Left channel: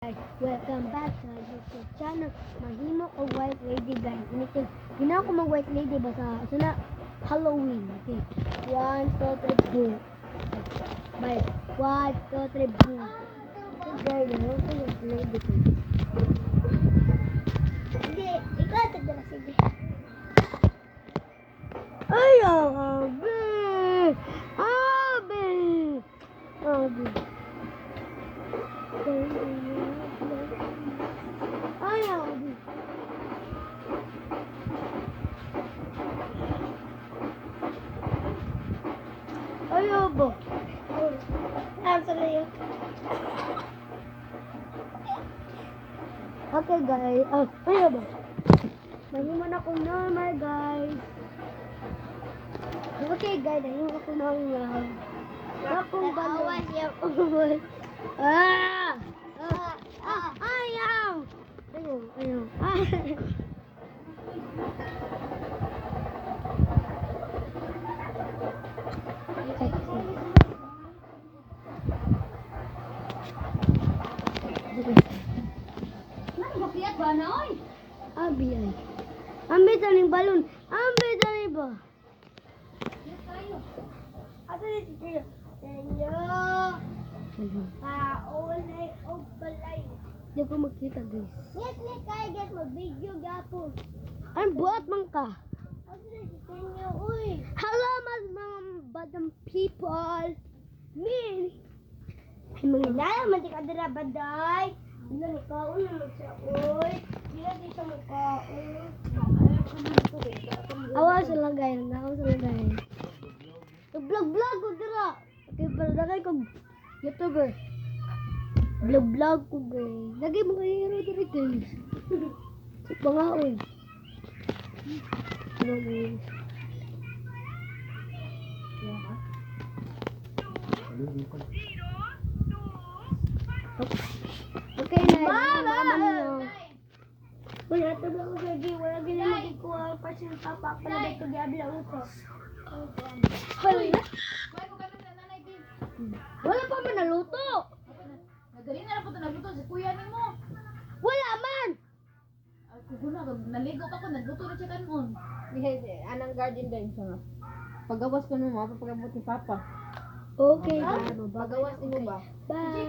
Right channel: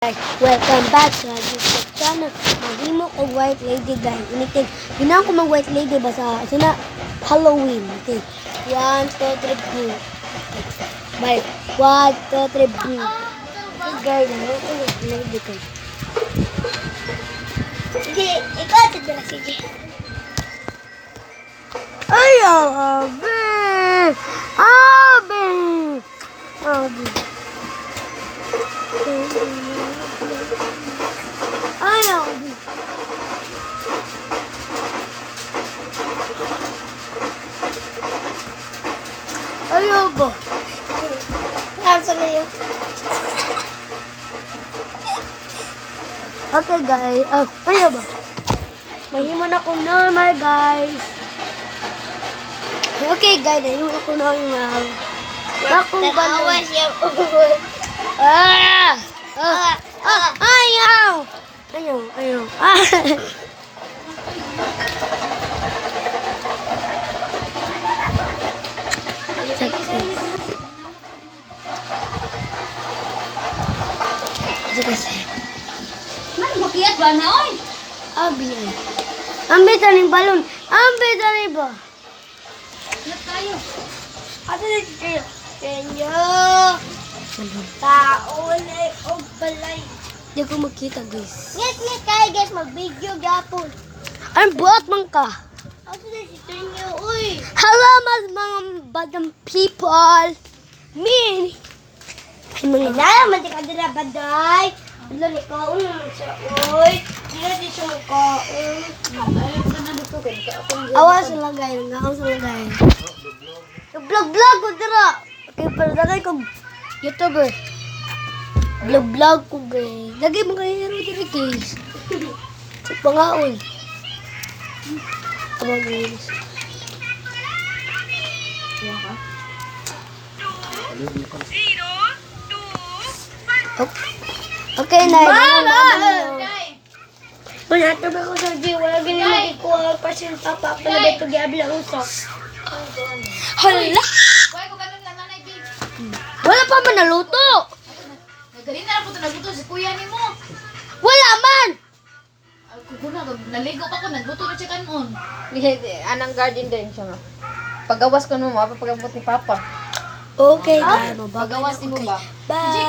Guys, welcome back sa YouTube channel. Maghimo og white lady guys. Initig, ginawa ko mag white lady ba sa Halloween. Okay. 1, 2, 3, boom. Bye. 1, 2, 3, boom. Guys, ano ko white lady ko? Sige, ikaw tadala sige. Ay, abe! Abe! Abe! Ayaw. Ayaw ba? Nasa na yun. Okay guys. Ayaw ba? Mahiman ako normal guys. Okay guys. Mahiman ako normal. Akong balawas yung ulo. Ayaw! Ayaw. Man, makiyat ba na, oy? Abi ay. Ambil tani balon. Ambil tani ba? Kiyat tayo. Ate na kayo. Kenyo. Taon ay og balay. Di ko makita guys. Ngit kayo guys, mag-video gapon. Ang buhat man ka. Ako na si Tenyo, uy. Hello mga badang people. Me. Ay mga Naman di ka dila baday. Wala ni kaon naman siya, uy. Di na di siya magkaon. Ay, wala na dito kayo. awas lang guys. Ngaon sa lang guys. Vlog ko dira. Okay, pero dagay ko YouTuber. Vlog ko guys. Lagi mo kayo hero diri guys. Sa pangaon. Tama guys. Okay na. Wala ito ba ko sa G? Wala ginamit ko ang pasin papa. Pala ba ito giabla usok? Hala! Uy, kung ganun lang nanay, babe. Wala pa man naluto! Nagaling na lang po ito nagluto si kuya ni mo. Wala man! Kuguna, naligo pa ko, nagluto na siya kanon. Anang garden din siya nga. Pagawas ko mo, mapapagabot ni Papa. Okay, guys. Pagawas ni mo ba? Bye!